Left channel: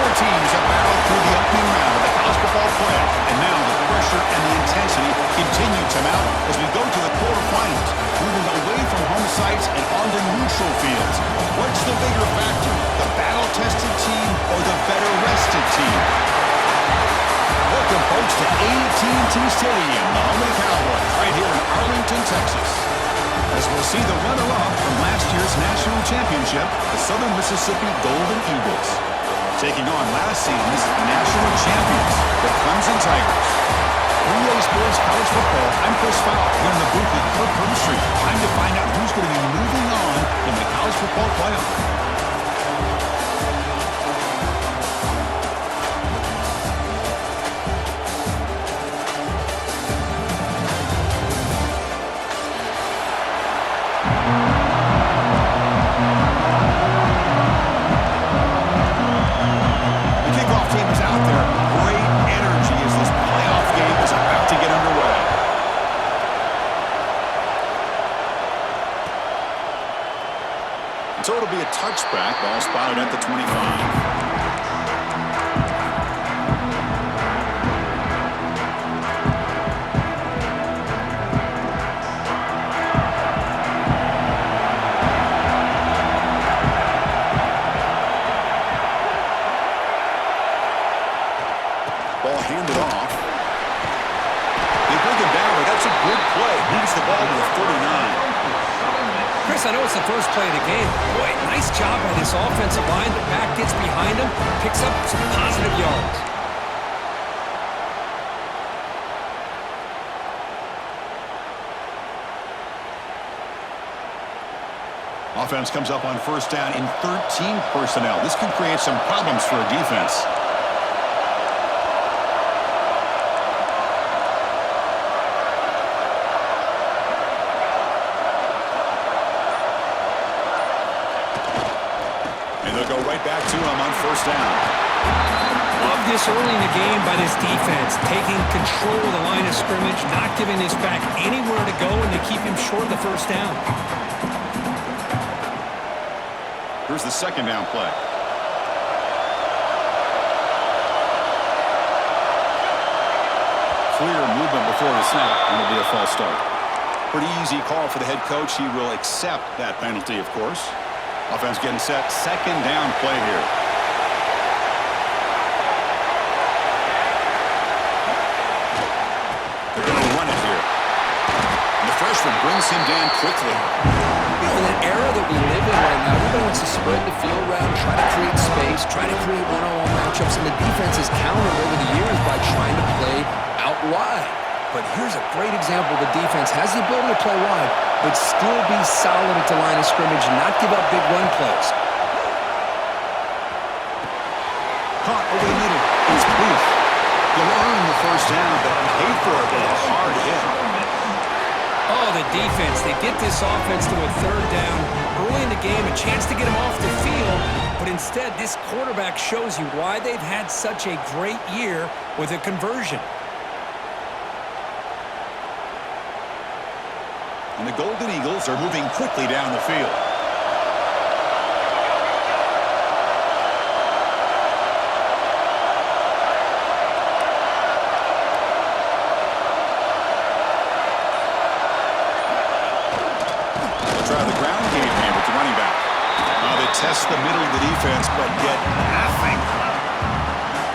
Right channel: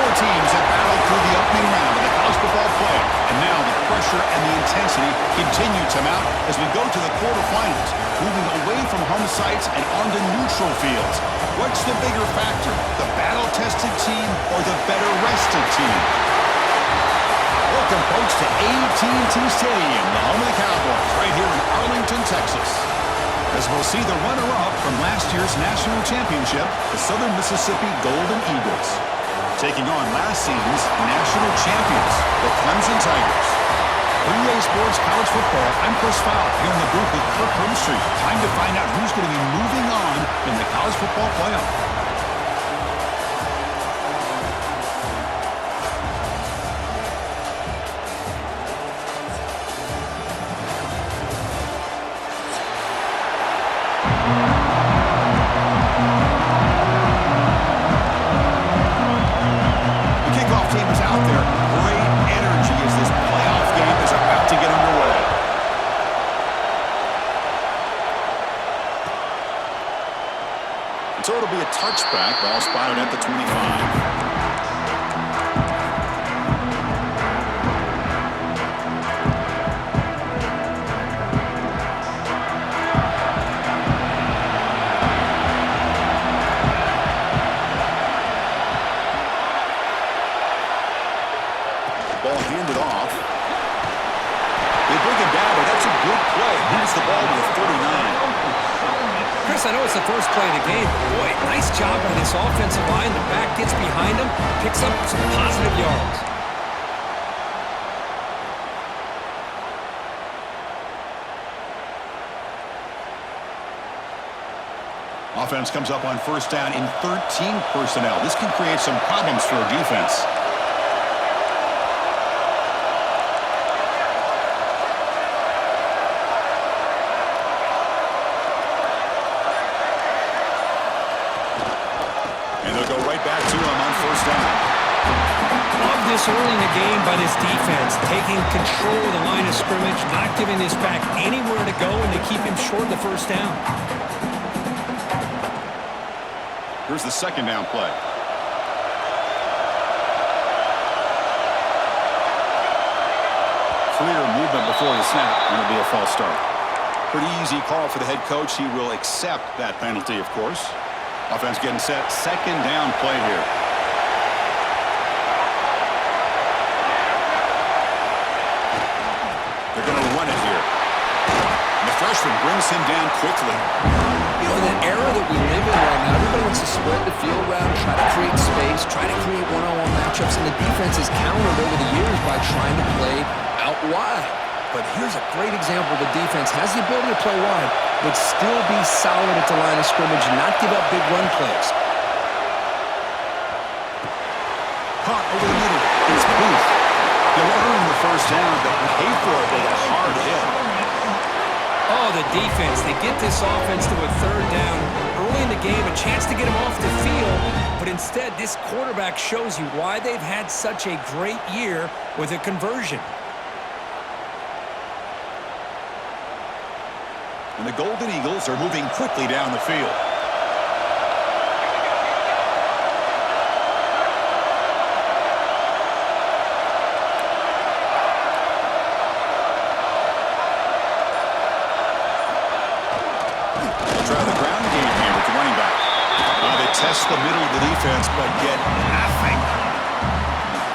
Four teams have battled through the opening round of the college football playoff, and now the pressure and the intensity continue to mount as we go to the quarterfinals, moving away from home sites and onto neutral fields. What's the bigger factor, the battle-tested team or the better-rested team? Welcome, folks, to AT&T Stadium, the home of the Cowboys, right here in Arlington, Texas. As we'll see the runner-up from last year's national championship, the Southern Mississippi Golden Eagles, taking on last season's national champions, the Clemson Tigers. 3A Sports College Football, I'm Chris Fowl, here in the booth with Kirk Herbstreit. Time to find out who's going to be moving on in the college football playoff. So it'll be a touchback, ball spotted at the 25. Ball handed off. They bring him down, but that's a good play. Moves the ball to the 39. Chris, I know it's the first play of the game, but boy, nice job by this offensive line. The back gets behind him, picks up some positive yards. Offense comes up on first down in 13 personnel. This can create some problems for a defense. And they'll go right back to him on first down. Love this early in the game by this defense, taking control of the line of scrimmage, not giving this back anywhere to go, and they keep him short of the first down. Here's the second down play. Clear movement before the snap, and it'll be a false start. Pretty easy call for the head coach. He will accept that penalty, of course. Offense getting set. Second down play here. They're going to run it here. And the freshman brings him down quickly. You know, in an era that we live in right now, everybody wants to spread the field around, try to create space, try to create one-on-one matchups, and the defense has countered over the years by trying to play out wide. But here's a great example. The defense has the ability to play wide, but still be solid at the line of scrimmage and not give up big run plays. Caught over the middle. It's Booth. He'll earn the first down, but pay for it with a hard hit. Oh, the defense. They get this offense to a third down early in the game, a chance to get him off the field, but instead this quarterback shows you why they've had such a great year with a conversion. And the Golden Eagles are moving quickly down the field. They'll try the ground game here with the running back. They test the middle of the defense, but get nothing.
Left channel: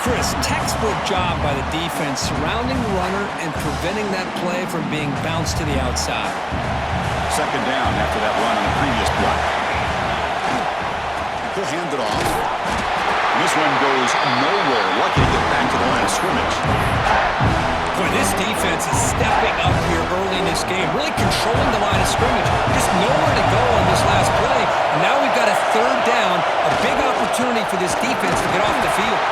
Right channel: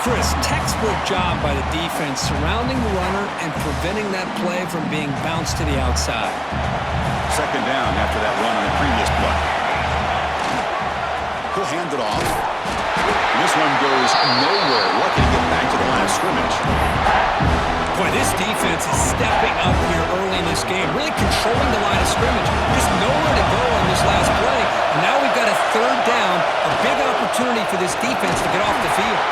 Chris, textbook job by the defense surrounding the runner and preventing that play from being bounced to the outside. Second down after that run on the previous play. He'll hand it off. And this one goes nowhere. Lucky to get back to the line of scrimmage. Boy, this defense is stepping up here early in this game, really controlling the line of scrimmage. Just nowhere to go on this last play. And now we've got a third down, a big opportunity for this defense to get off the field.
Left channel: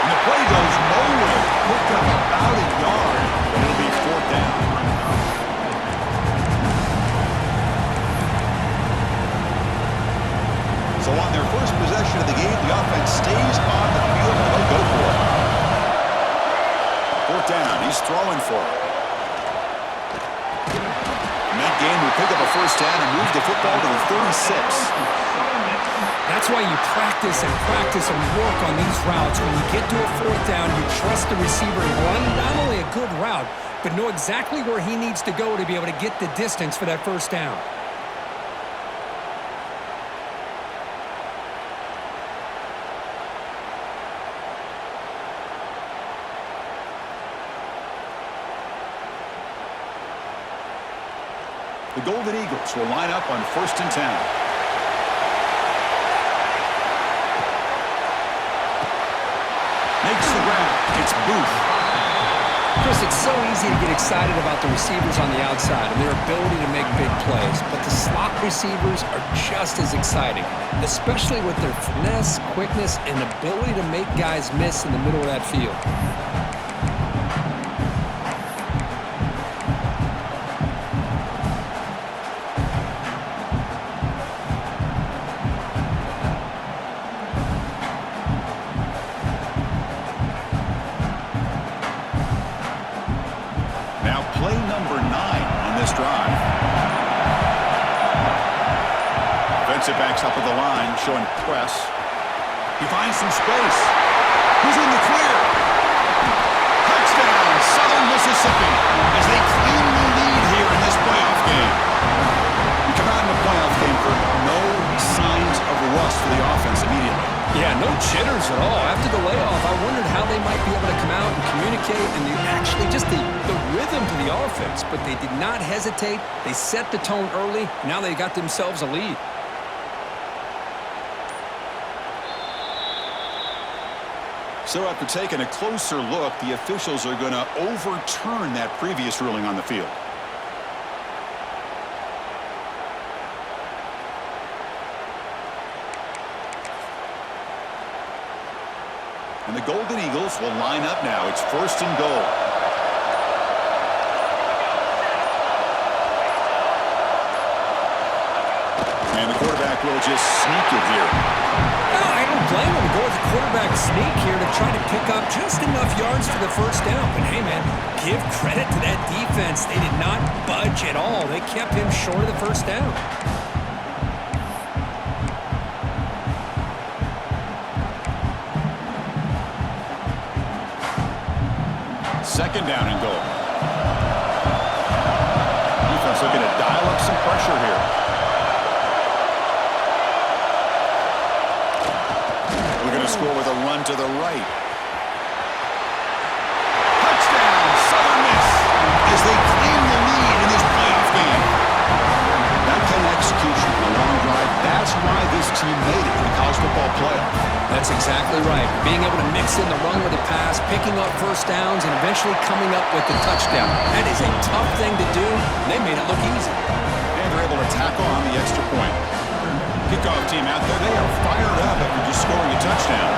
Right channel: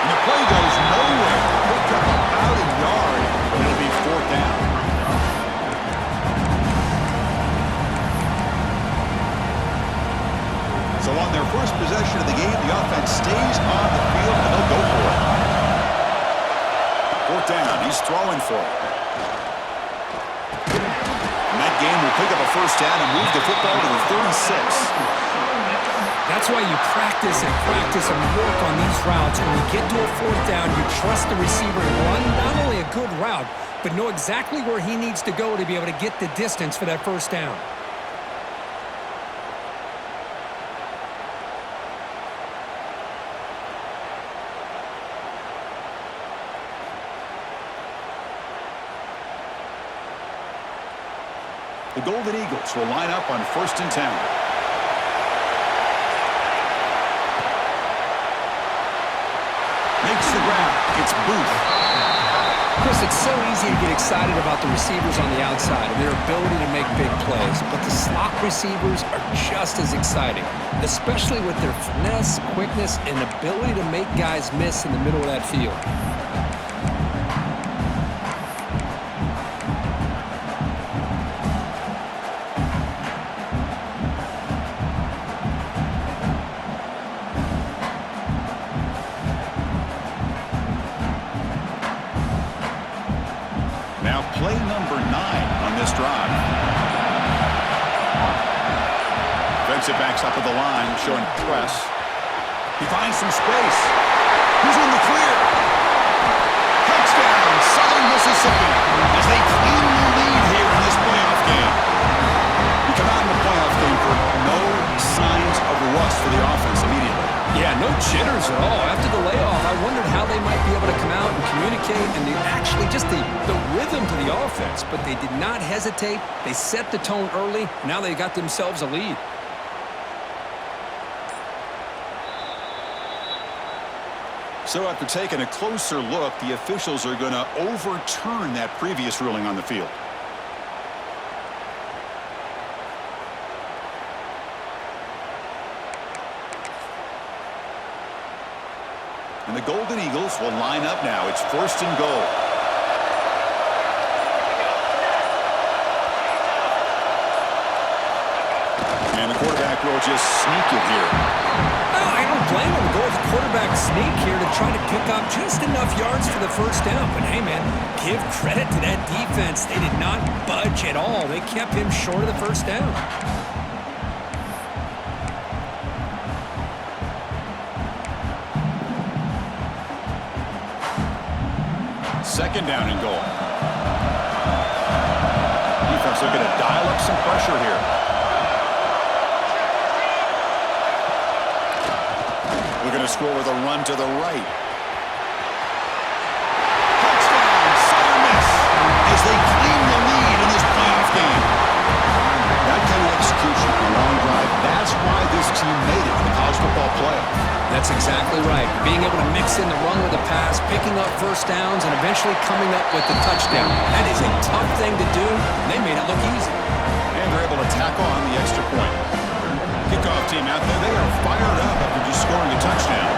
And the play goes nowhere. Hooked up about a yard, and it'll be fourth down. So on their first possession of the game, the offense stays on the field, and they'll go for it. Fourth down. He's throwing for it. And that game will pick up a first down and move the football to the 36. That's why you practice and work on these routes. When you get to a fourth down, you trust the receiver and run not only a good route, but know exactly where he needs to go to be able to get the distance for that first down. The Golden Eagles will line up on 1st and 10. Makes the grab. It's Booth. Chris, it's so easy to get excited about the receivers on the outside and their ability to make big plays, but the slot receivers are just as exciting, especially with their finesse, quickness, and ability to make guys miss in the middle of that field. Now play number 9 on this drive. Defensive backs up at the line, showing press. He finds some space. He's in the clear. Touchdown, Southern Mississippi, as they claim the lead here in this playoff game. You come out in the playoff game for no signs of rust for the offense immediately. Yeah, no jitters at all. After the layoff, I wondered how they might be able to come out and communicate and actually just the rhythm to the offense. But they did not hesitate. They set the tone early. Now they got themselves a lead. So after taking a closer look, the officials are going to overturn that previous ruling on the field. And the Golden Eagles will line up now. It's 1st and goal. And the quarterback will just sneak it here. No, I don't blame him. Go with the quarterback sneak here to try to pick up just enough yards for the first down. But hey, man, give credit to that defense. They did not budge at all. They kept him short of the first down. 2nd down and goal. Defense looking to dial up some pressure here. Looking to score with a run to the right. Touchdown, Southern Miss, as they claim the lead in this playoff game. That kind of execution on a long drive, that's why this team made it in the college football playoff. That's exactly right. Being able to mix in the run with the pass, picking up first downs, and eventually coming up with the touchdown. That is a tough thing to do. They made it look easy. And they're able to tack on the extra point. Kickoff team out there, they are fired up after just scoring a touchdown.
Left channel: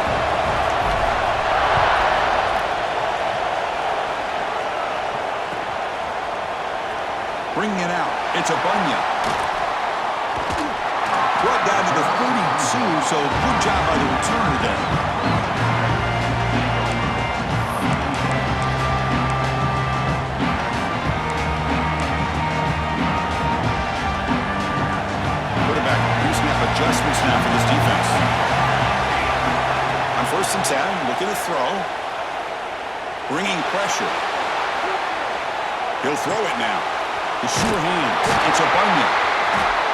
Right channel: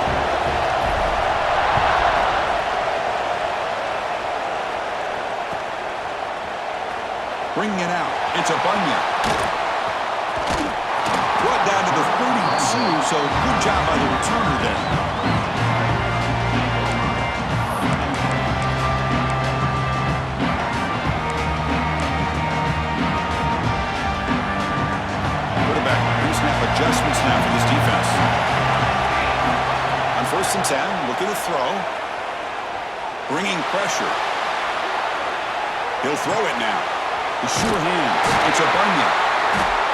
Bringing it out, it's a Bunya. Brought down to the 32, so good job by the returner there. Quarterback pre-snap adjustments now for this defense. On 1st and 10, looking to throw. Bringing pressure. He'll throw it now. The sure hands. It's a Bunya.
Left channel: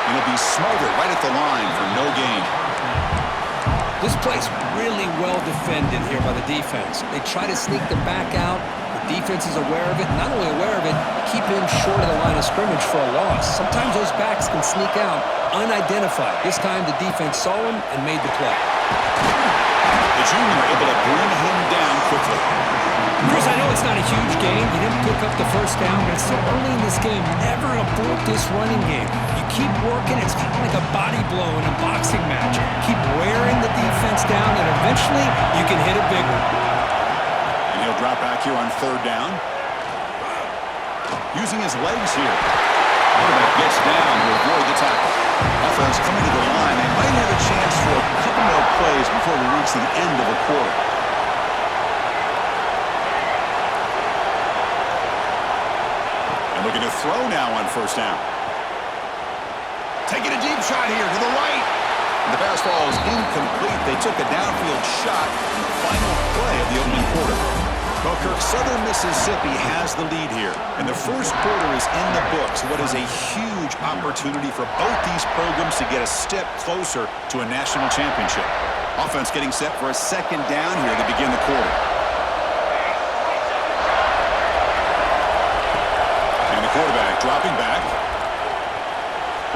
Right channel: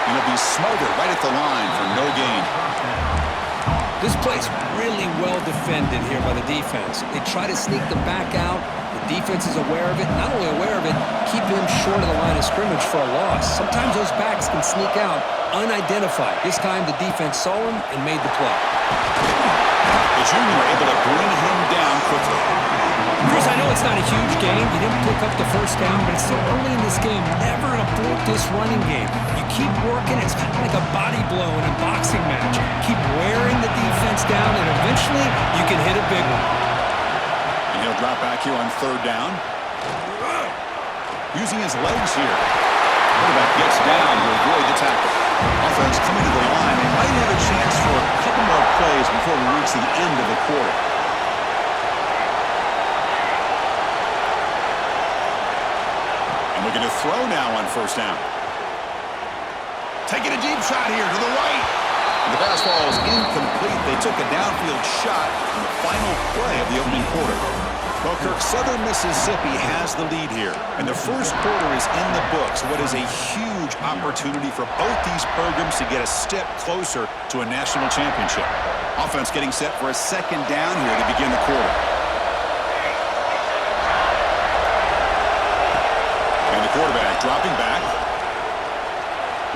And he'll be smothered right at the line for no gain. This play's really well defended here by the defense. They try to sneak the back out. The defense is aware of it. Not only aware of it, keep him short of the line of scrimmage for a loss. Sometimes those backs can sneak out unidentified. This time the defense saw him and made the play. The junior able to bring him down quickly. Chris, I know it's not a huge game. You didn't pick up the first down, but it's still early in this game. Never abort this running game. You keep working. It's kind of like a body blow in a boxing match. Keep wearing the defense down, and eventually you can hit a big one. And he'll drop back here on 3rd down. Using his legs here. Quarterback gets down to avoid the tackle. Offense coming to the line. They might have a chance for a couple more plays before we reach the end of the quarter. And looking to throw now on 1st down. Taking a deep shot here to the right. The pass falls incomplete. They took a downfield shot in the final play of the opening quarter. Well, Kirk, Southern Mississippi has the lead here, and the first quarter is in the books. What is a huge opportunity for both these programs to get a step closer to a national championship. Offense getting set for a second down here to begin the quarter. And the quarterback dropping back.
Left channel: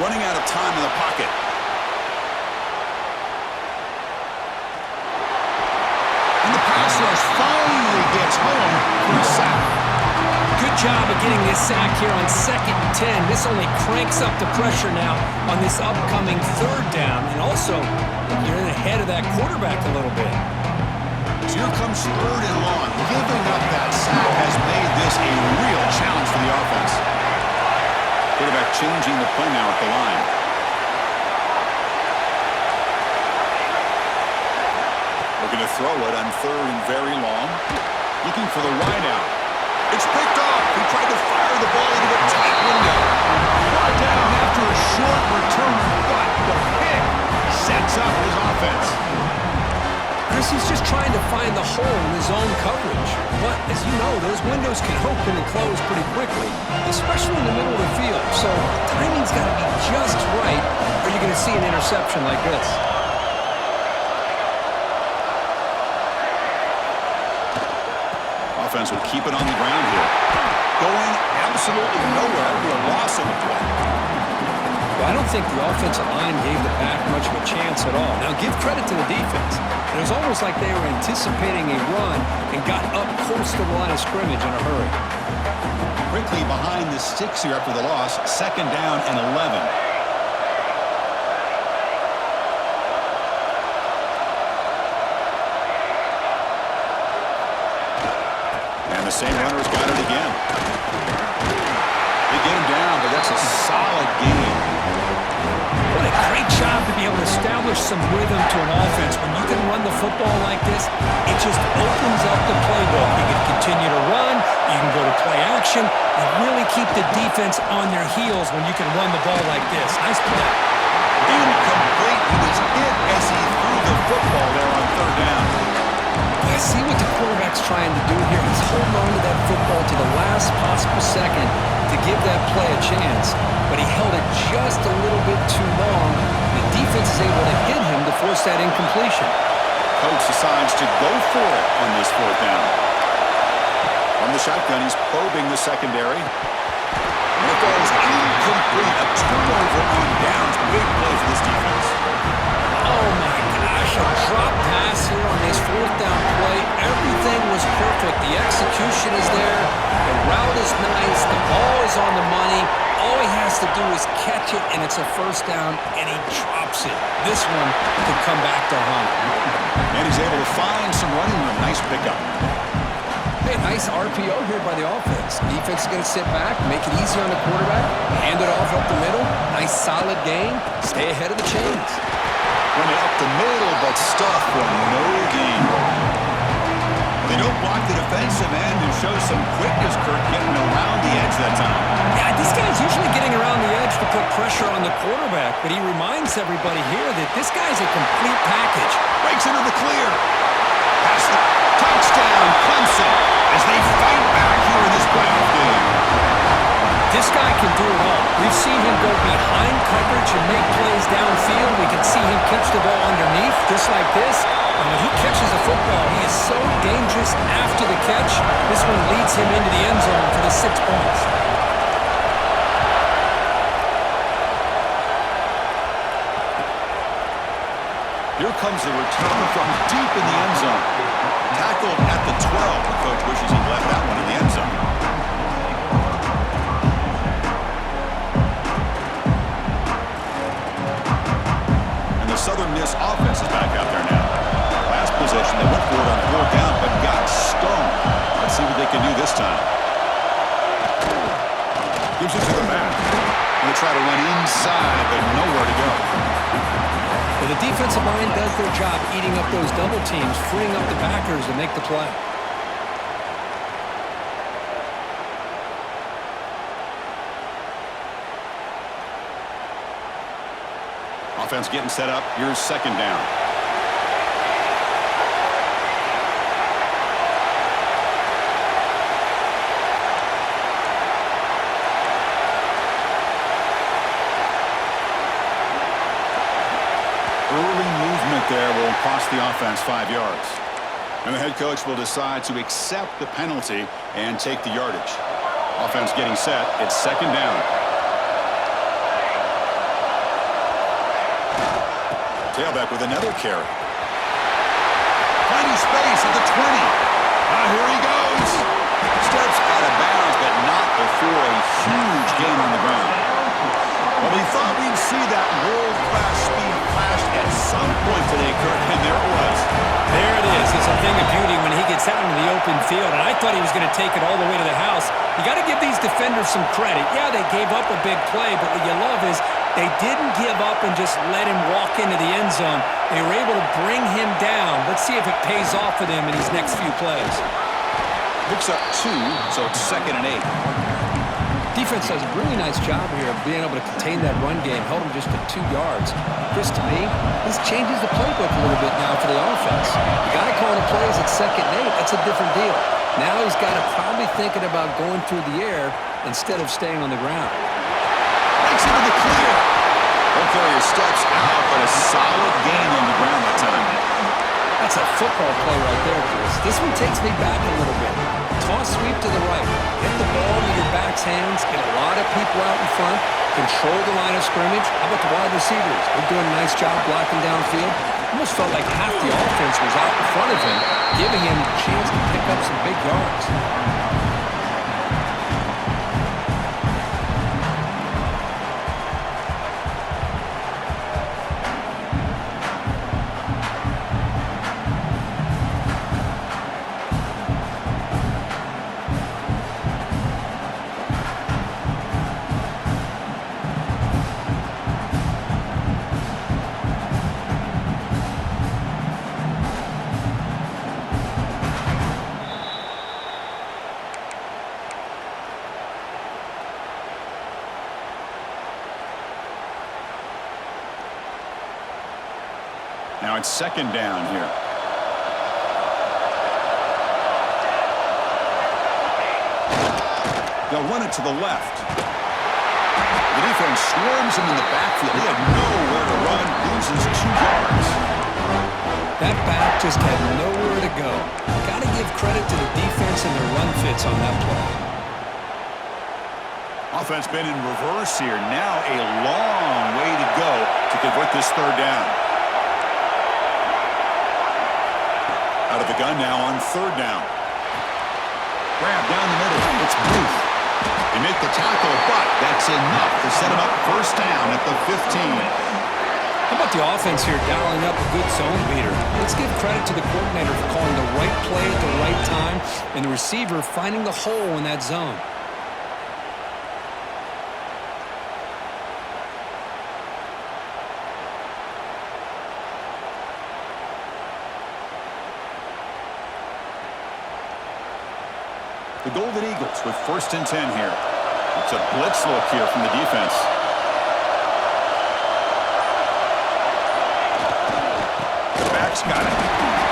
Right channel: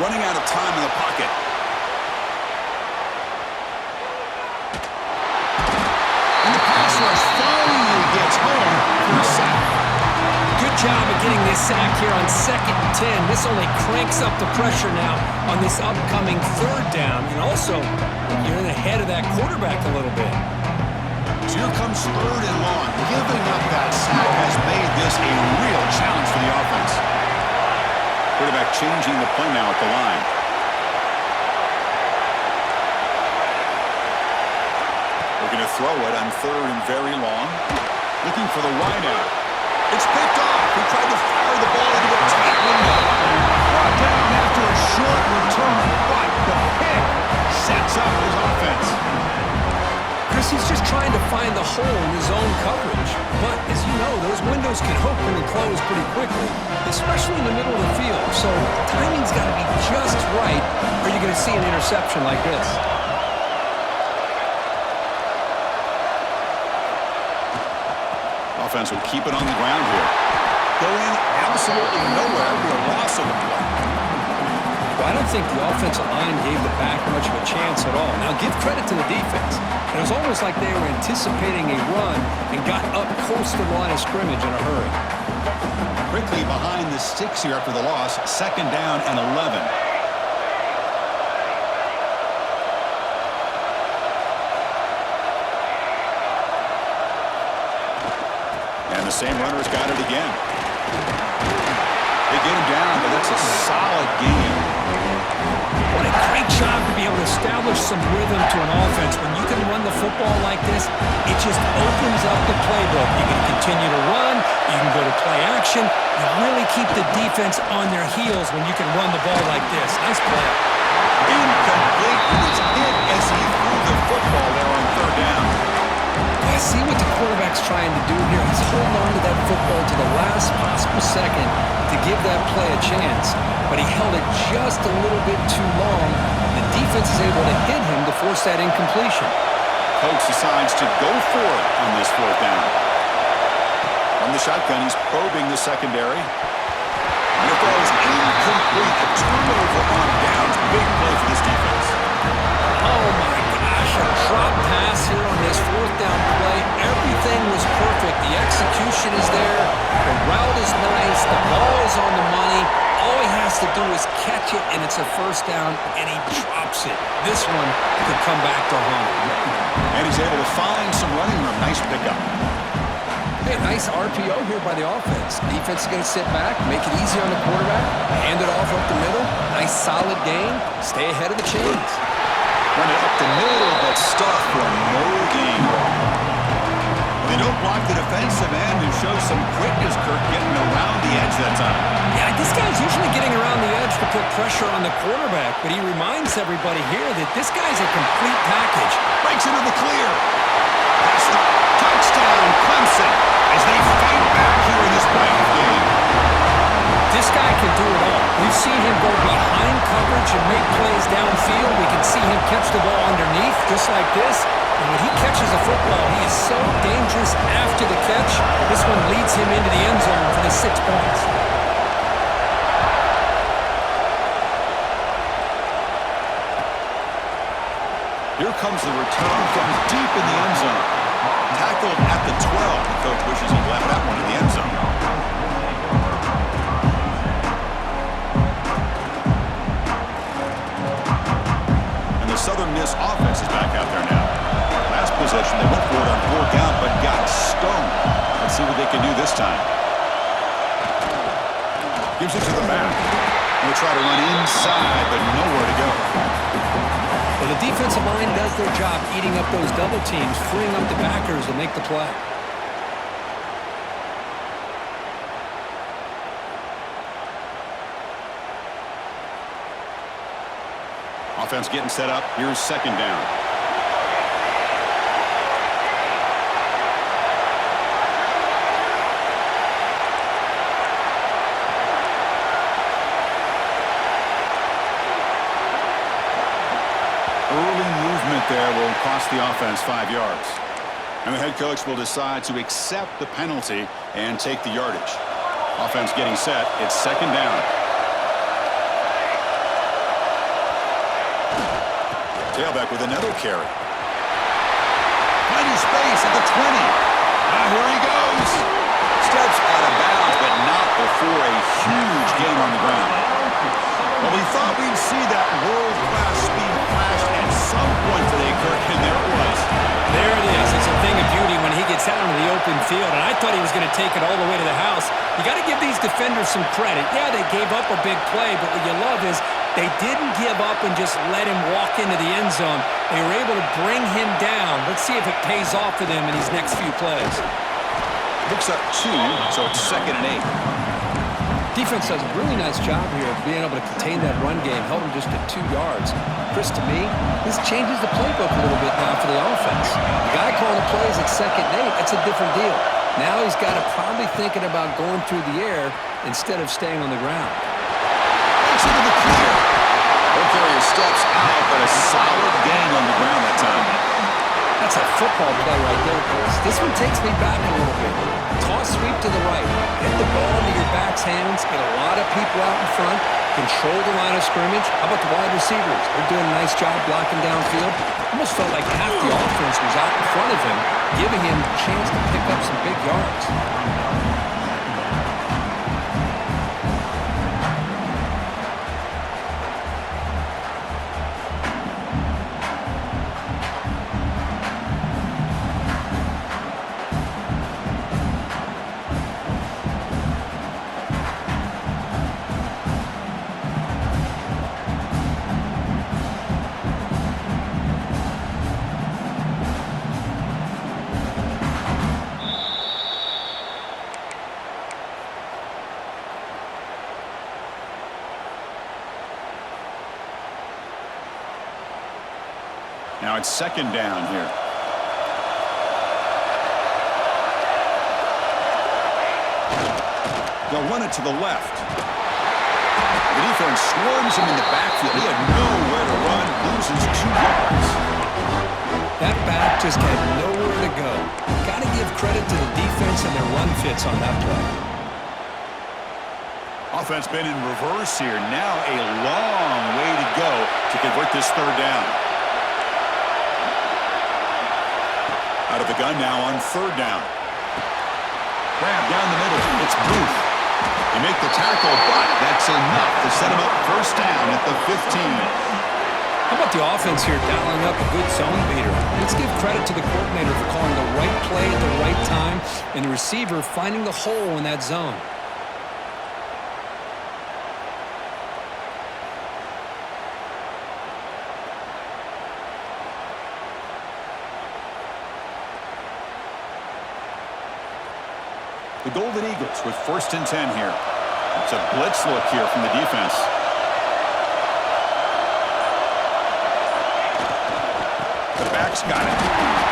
Running out of time in the pocket. And the pass rush finally gets home for a sack. Good job of getting this sack here on 2nd and 10. This only cranks up the pressure now on this upcoming 3rd down. And also, you're in ahead of that quarterback a little bit. So here comes 3rd and long. Giving up that sack has made this a real challenge for the offense. Quarterback changing the play now at the line. Looking to throw it on 3rd and very long. Looking for the wideout. It's picked off. He tried to fire the ball into a tight window. Brought down after a short return, but the pick sets up his offense. Chris, he's just trying to find the hole in his own coverage. But as you know, those windows can open and close pretty quickly, especially in the middle of the field. So timing's got to be just right, or you're going to see an interception like this. Offense will keep it on the ground here. Going absolutely nowhere for a loss of the play. Well, I don't think the offensive line gave the back much of a chance at all. Now, give credit to the defense. It was almost like they were anticipating a run and got up close to the line of scrimmage in a hurry. Quickly behind the sticks here after the loss. 2nd down and 11. And the same runner's got it again. They get him down, but that's a solid game. What a great job to be able to establish some rhythm to an offense. When you can run the football like this, it just opens up the playbook. You can continue to run. You can go to play action. You really keep the defense on their heels when you can run the ball like this. Nice play. Incomplete. He was hit as he threw the football there on 3rd down. I see what the quarterback's trying to do here. He's holding on to that football to the last possible second to give that play a chance. But he held it just a little bit too long. The defense is able to hit him to force that incompletion. Coach decides to go for it on this 4th down. From the shotgun, he's probing the secondary. And it falls incomplete. A turnover on downs. Big play for this defense. Oh, my gosh. A drop pass here on this 4th down play. Everything was perfect. The execution is there. The route is nice. The ball is on the money. All he has to do is catch it, and it's a 1st down, and he drops it. This one could come back to haunt him. And he's able to find some running room. Nice pickup. Hey, nice RPO here by the offense. Defense is going to sit back, make it easy on the quarterback, hand it off up the middle. Nice solid gain. Stay ahead of the chains. Run it up the middle, but stuff for no gain. They don't block the defensive end and show some quickness, Kirk, getting around the edge that time. Yeah, this guy's usually getting around the edge to put pressure on the quarterback, but he reminds everybody here that this guy's a complete package. Breaks into the clear. Pass the touchdown, Clemson, as they fight back here in this playoff game. This guy can do it all. We've seen him go behind coverage and make plays downfield. We can see him catch the ball underneath, just like this. And when he catches a football, he is so dangerous after the catch. This one leads him into the end zone for the 6 points. Here comes the return from deep in the end zone. Tackled at the 12. The coach wishes he'd left that one in the end zone. And the Southern Miss offense is back out there now. Last possession, they went for it on 4th down, but got stoned. Let's see what they can do this time. Gives it to the back. And they try to run inside, but nowhere to go. Well, the defensive line does their job eating up those double teams, freeing up the backers to make the play. Offense getting set up. Here's second down. Early movement there will cost the offense 5 yards. And the head coach will decide to accept the penalty and take the yardage. Offense getting set. It's second down. Tailback with another carry. Finding space at the 20. Here he goes. Steps out of bounds, but not before a huge gain on the ground. Well, we thought we'd see that world-class speed flashed at some point today, Kirk, and there it was. There it is. It's a thing of beauty when he gets out into the open field, and I thought he was going to take it all the way to the house. You got to give these defenders some credit. Yeah, they gave up a big play, but what you love is they didn't give up and just let him walk into the end zone. They were able to bring him down. Let's see if it pays off for them in these next few plays. Picks up 2, so it's 2nd and 8. Defense does a really nice job here of being able to contain that run game, held him just at 2 yards. Chris, to me, this changes the playbook a little bit now for the offense. The guy calling the plays at 2nd and 8, that's a different deal. Now he's got to probably thinking about going through the air instead of staying on the ground. Breaks into the clear. Ball carrier steps out, but a solid gain on the ground that time. That's a football play right there, Chris. This one takes me back a little bit. Toss sweep to the right. Get the ball into your back's hands. Get a lot of people out in front. Control the line of scrimmage. How about the wide receivers? They're doing a nice job blocking downfield. Almost felt like half the offense was out in front of him, giving him a chance to pick up some big yards. Now it's 2nd down here. They'll run it to the left. The defense swarms him in the backfield. He had nowhere to run, loses 2 yards. That back just had nowhere to go. Got to give credit to the defense and their run fits on that play. Offense been in reverse here. Now a long way to go to convert this 3rd down. Out of the gun now on 3rd down. Grab down the middle. It's Booth. They make the tackle, but that's enough to set him up 1st down at the 15. How about the offense here dialing up a good zone beater? Let's give credit to the coordinator for calling the right play at the right time and the receiver finding the hole in that zone. The Golden Eagles with 1st and 10 here. It's a blitz look here from the defense. The back's got it.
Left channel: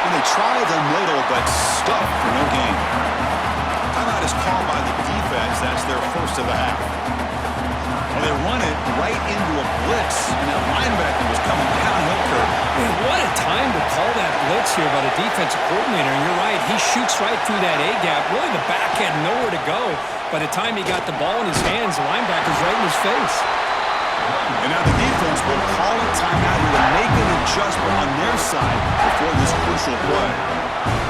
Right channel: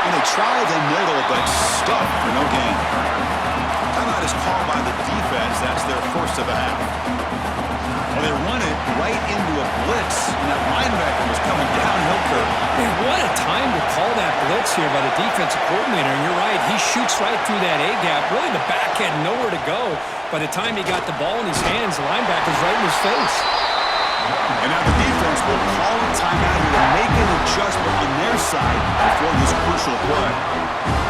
And they try the middle, but stuck for no gain. Timeout is called by the defense. That's their 1st of the half. Well, they run it right into a blitz, and that linebacker was coming downhill curve. Man, what a time to call that blitz here by the defensive coordinator. And you're right, he shoots right through that A-gap. Really, the back had nowhere to go. By the time he got the ball in his hands, the linebacker's right in his face. And now the defense will call a timeout here to make an adjustment on their side before this crucial play.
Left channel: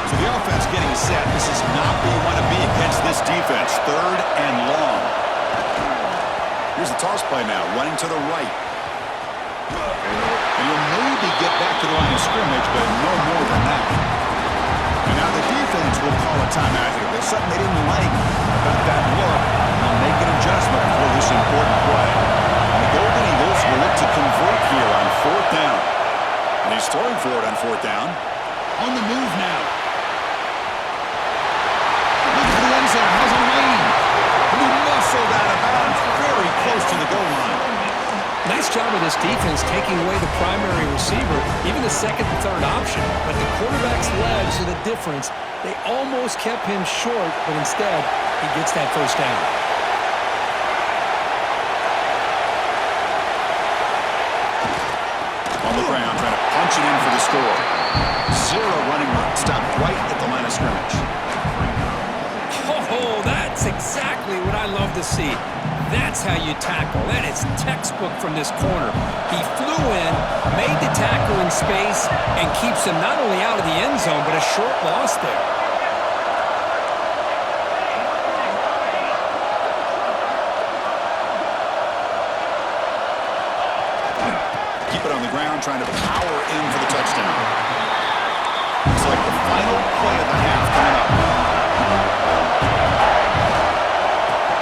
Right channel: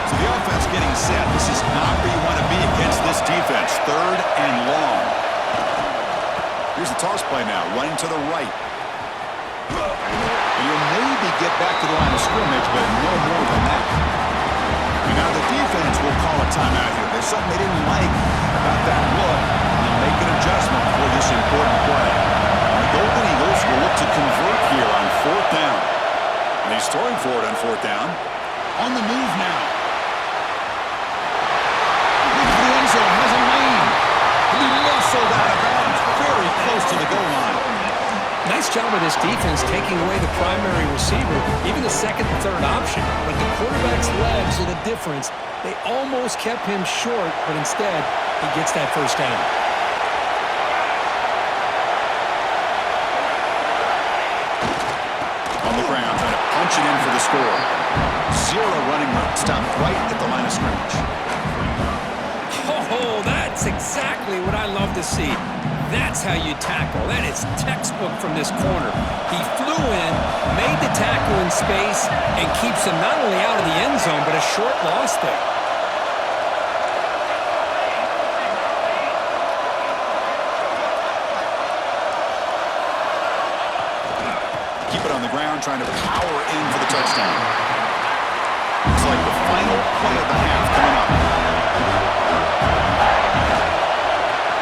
So the offense getting set. This is not where you want to be against this defense. 3rd and long. Here's the toss play now, running to the right. And he'll maybe get back to the line of scrimmage, but no more than that. And now the defense will call a timeout here. There's something they didn't like about that look. And they'll make an adjustment for this important play. And the Golden Eagles will look to convert here on 4th down. And he's throwing for it on 4th down. On the move now. Looking for the end zone, has a lane. He muscled out of bounds, very close to the goal line. Nice job of this defense taking away the primary receiver, even the second and third option. But the quarterback's legs are the difference. They almost kept him short, but instead, he gets that first down. On the ground, trying to punch it in for the score. Zero running room. Stopped right at the line of scrimmage. Oh, that's exactly what I love to see. That's how you tackle. That is textbook from this corner. He flew in, made the tackle in space, and keeps him not only out of the end zone, but a short loss there. Keep it on the ground, trying to power in for the touchdown. It's like the final play of the half coming up.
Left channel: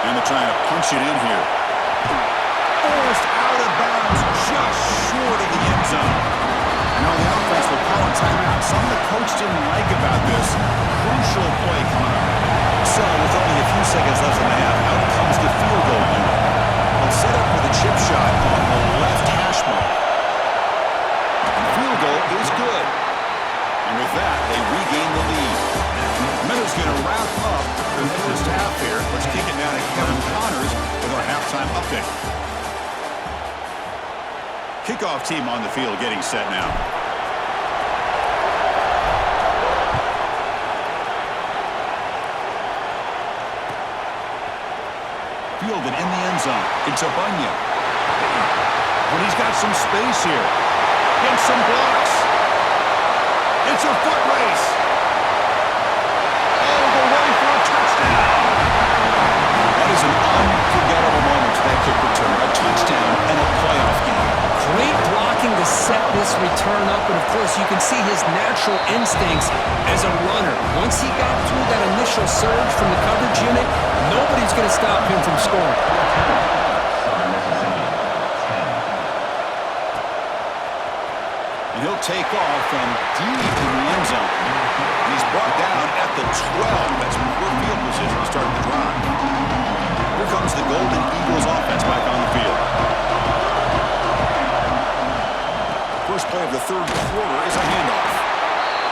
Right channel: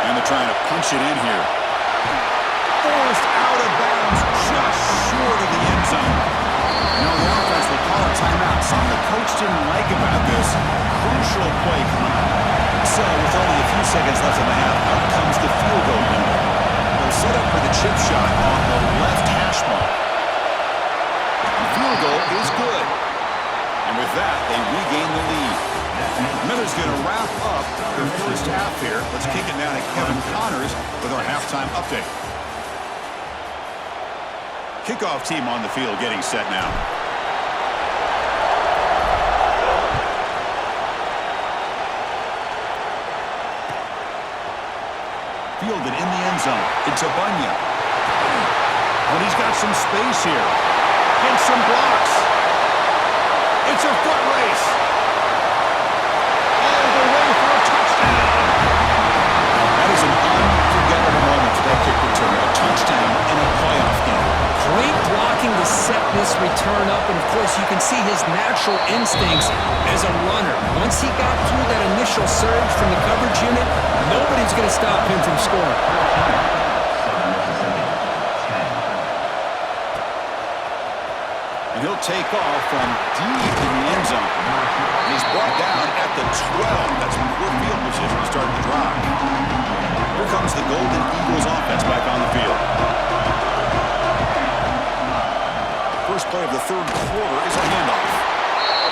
And they're trying to punch it in here. Forced out of bounds, just short of the end zone. You know, the offense will call a timeout. Something the coach didn't like about this. Crucial play coming up. So, with only a few seconds left in the half, out comes the field goal unit. They'll set up for the chip shot on the left hash mark. The field goal is good. And with that, they regain the lead. Miller's going to wrap up the first half here. Let's kick it down to Kevin Connors with our halftime update. Kickoff team on the field getting set now. Fielded in the end zone. It's Abunya. But he's got some space here. Gets some blocks. It's a foot race. All the way for a touchdown. That is an unforgettable moment for that kick return. A touchdown and a playoff game. Great blocking to set this return up, and of course you can see his natural instincts as a runner. Once he got through that initial surge from the coverage unit, nobody's going to stop him from scoring. And he'll take off from deep in the end zone. And he's brought down at the 12. That's poor field position to start the drive. Here comes the Golden Eagles offense back on the field. First play of the third quarter is a handoff.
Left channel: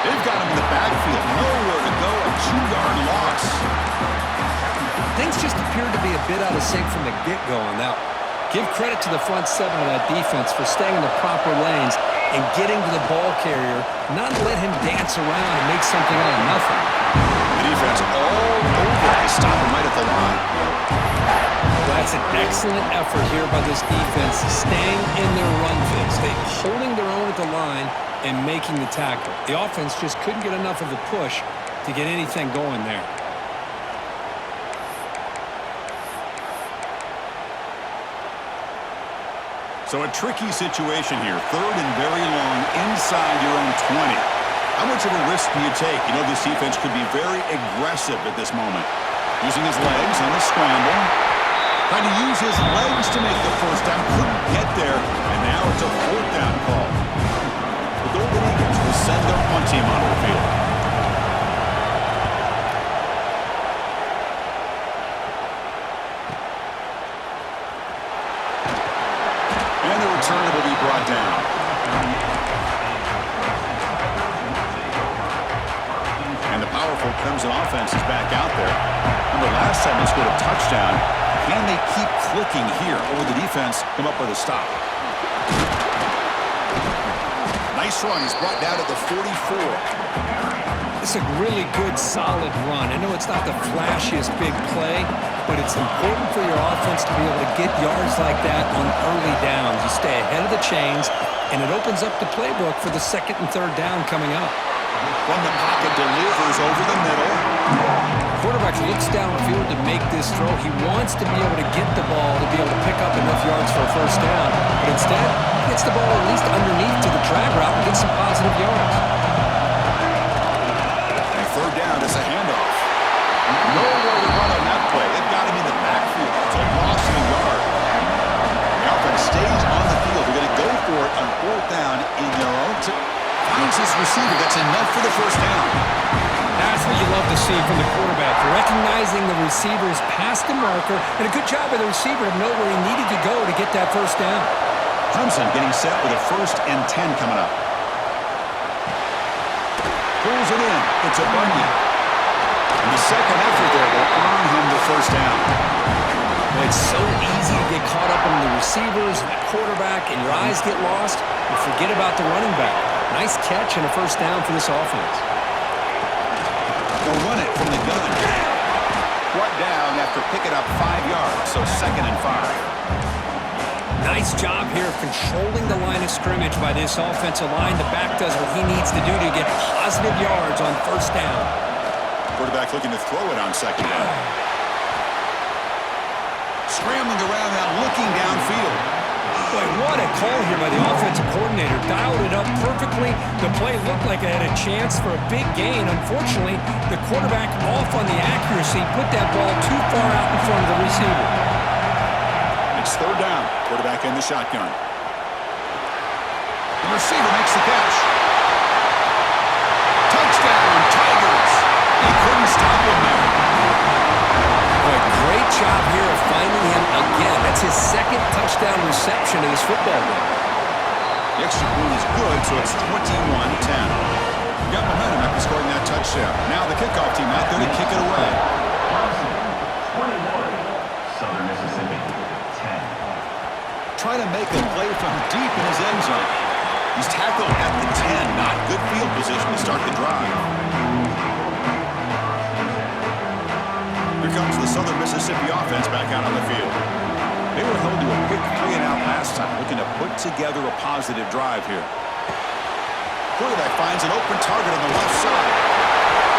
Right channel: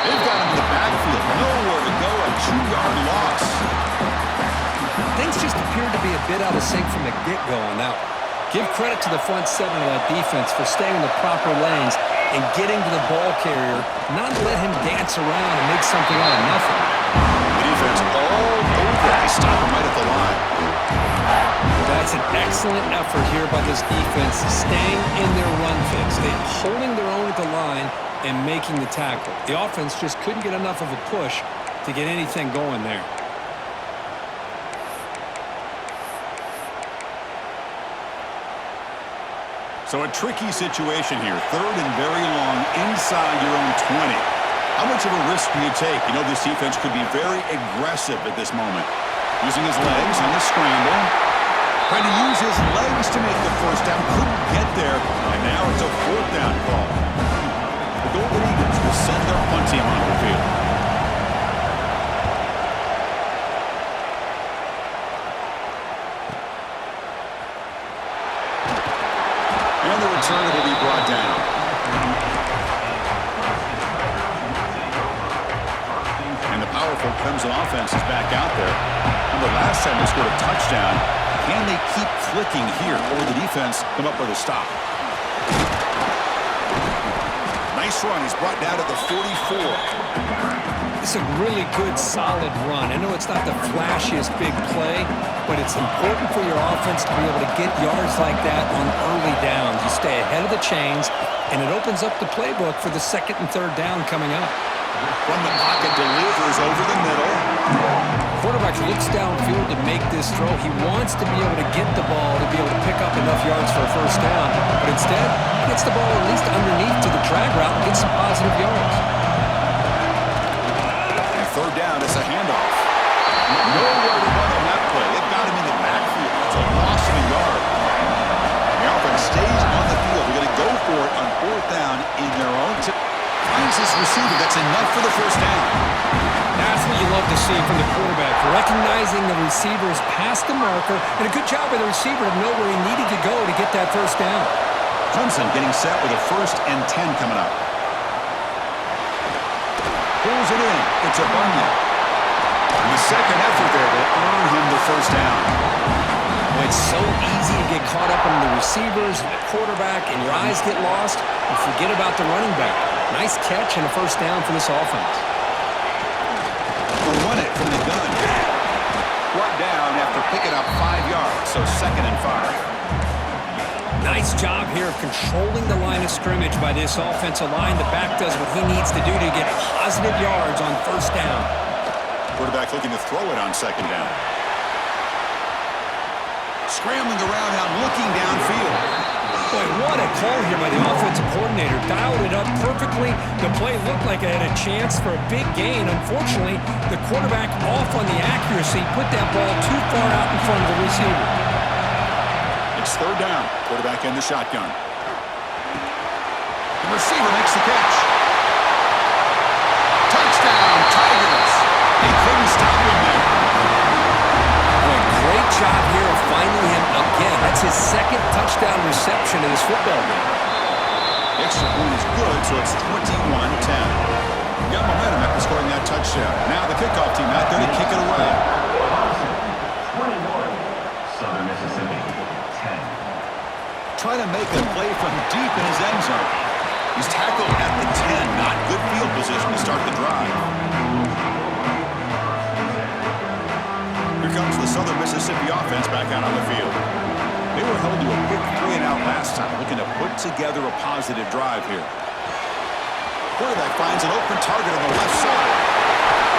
They've got him in the backfield. Nowhere to go. A 2-yard loss. Things just appeared to be a bit out of sync from the get-go on that one. Give credit to the front seven of that defense for staying in the proper lanes and getting to the ball carrier, not let him dance around and make something out of nothing. The defense all over. They stop him right at the line. That's an excellent effort here by this defense, staying in their run fix. They're holding their own at the line and making the tackle. The offense just couldn't get enough of a push to get anything going there. So a tricky situation here. Third and very long inside your own 20. How much of a risk do you take? You know, this defense could be very aggressive at this moment. Using his legs on the scramble. Trying to use his legs to make the first down. Couldn't get there. And now it's a fourth down call. The Golden Eagles will send their punt team onto the field. And the returner will be brought down. And the powerful Clemson offense is back out there. Remember, last time they scored a touchdown. Can they keep clicking here, or will the defense come up with a stop? Nice run. He's brought down to the 44. It's a really good, solid run. I know it's not the flashiest big play, but it's important for your offense to be able to get yards like that on early downs. You stay ahead of the chains, and it opens up the playbook for the second and third down coming up. From the pocket, delivers over the middle. Quarterback looks downfield to make this throw. He wants to be able to get the ball to be able to pick up enough yards for a first down, but instead, he gets the ball at least underneath to the drag route and gets some positive yards. Third down, it's a handoff. Nowhere to run on that play. They've got him in the backfield. It's a loss of a yard. The offense stays on the field. They're going to go for it on fourth down in their own. Finds his receiver. That's enough for the first down. That's what you love to see from the quarterback. Recognizing the receivers past the marker, and a good job by the receiver to know where he needed to go to get that first down. Clemson getting set with a 1st and 10 coming up. Pulls it in. It's a Bunyan. And the second effort there will earn him the 1st down. Well, it's so easy to get caught up in the receivers and the quarterback, and your eyes get lost. You forget about the running back. Nice catch and a 1st down for this offense. They'll run it from the gun. Brought down after picking up 5 yards, so 2nd and 5. Nice job here of controlling the line of scrimmage by this offensive line. The back does what he needs to do to get positive yards on 1st down. Quarterback looking to throw it on 2nd down. Scrambling around now, looking downfield. Boy, what a call here by the offensive coordinator. Dialed it up perfectly. The play looked like it had a chance for a big gain. Unfortunately, the quarterback off on the accuracy, put that ball too far out in front of the receiver. It's 3rd down. Quarterback in the shotgun. The receiver makes the catch. Touchdown, Tigers. They couldn't stop him there. Boy, great job here of finding him again. That's his 2nd touchdown reception in this football game. The extra point is good, so it's 21-10. Got momentum after scoring that touchdown. Now the kickoff team out there to kick it away. 21, Southern Mississippi, 10. Trying to make a play from deep in his end zone. He's tackled at the 10. Not good field position to start the drive. Here comes the Southern Mississippi offense back out on the field. They were held to a quick 3-and-out last time, looking to put together a positive drive here. Quarterback finds an open target on the left side.